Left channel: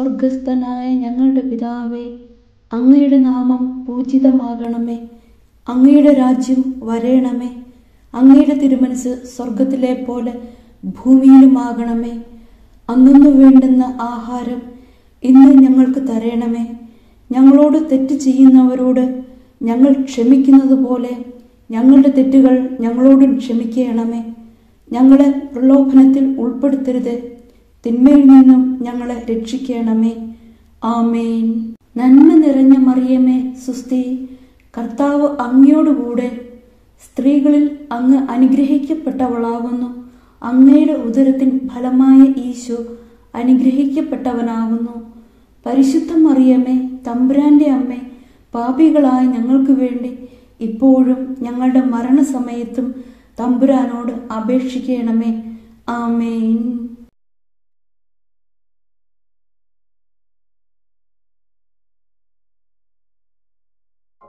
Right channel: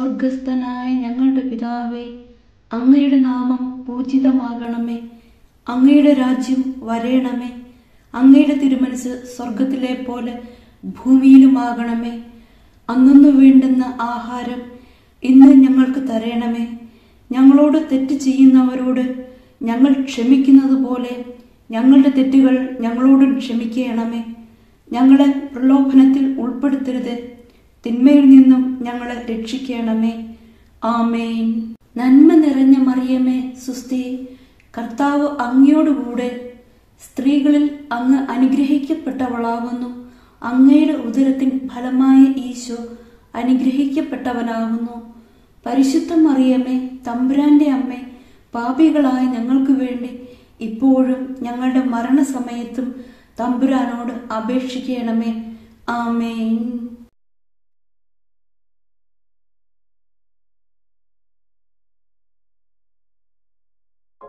സ്വർഗസ്ഥനായ ഞങ്ങളുടെ പിതാവേ, അങ്ങയുടെ നാമം പൂജിതമാകണമേ. അങ്ങയുടെ രാജ്യം വരേണമേ. അങ്ങയുടെ തിരുമനസ് സ്വർഗത്തിലെ പോലെ ഭൂമിയിലുമാകണമേ. അന്നു വേണ്ടുന്ന ആഹാരം ഇന്ന് ഞങ്ങൾക്ക് തരണമേ. ഞങ്ങളോട് തെറ്റ് ചെയ്യുന്നവരോട് ഞങ്ങൾ ക്ഷമിക്കുന്നത് പോലെ ഞങ്ങളുടെ തെറ്റുകൾ ഞങ്ങളോടും ക്ഷമിക്കണമേ. ഞങ്ങളെ പ്രലോഭനത്തിൽ ഉൾപ്പെടുത്തരുത്, തിന്മയിൽ നിന്നും ഞങ്ങളെ രക്ഷിക്കണമേ. ആമേൻ. നന്മ നിറഞ്ഞ മറിയമേ, സുസ്തി, കർത്താവ് അങ്ങയോടുകൂടെ സ്ത്രീകളിൽ അങ്ങ് അനുഗ്രഹിക്കപ്പെട്ടവളാകുന്നു. അങ്ങയുടെ ഉദരത്തിൻ ഫലമായ ഈശോ അനുഗ്രഹിക്കപ്പെട്ടവനാകുന്നു. പരിശുദ്ധ മറിയമേ, തമ്പുരാന്റെ അമ്മേ, പാപികളായ ഞങ്ങൾക്ക് വേണ്ടി ഇപ്പോഴും ഞങ്ങളുടെ മരണസമയത്തും തമ്പുരാനോട് അപേക്ഷിക്കണമേ. ആമേൻ.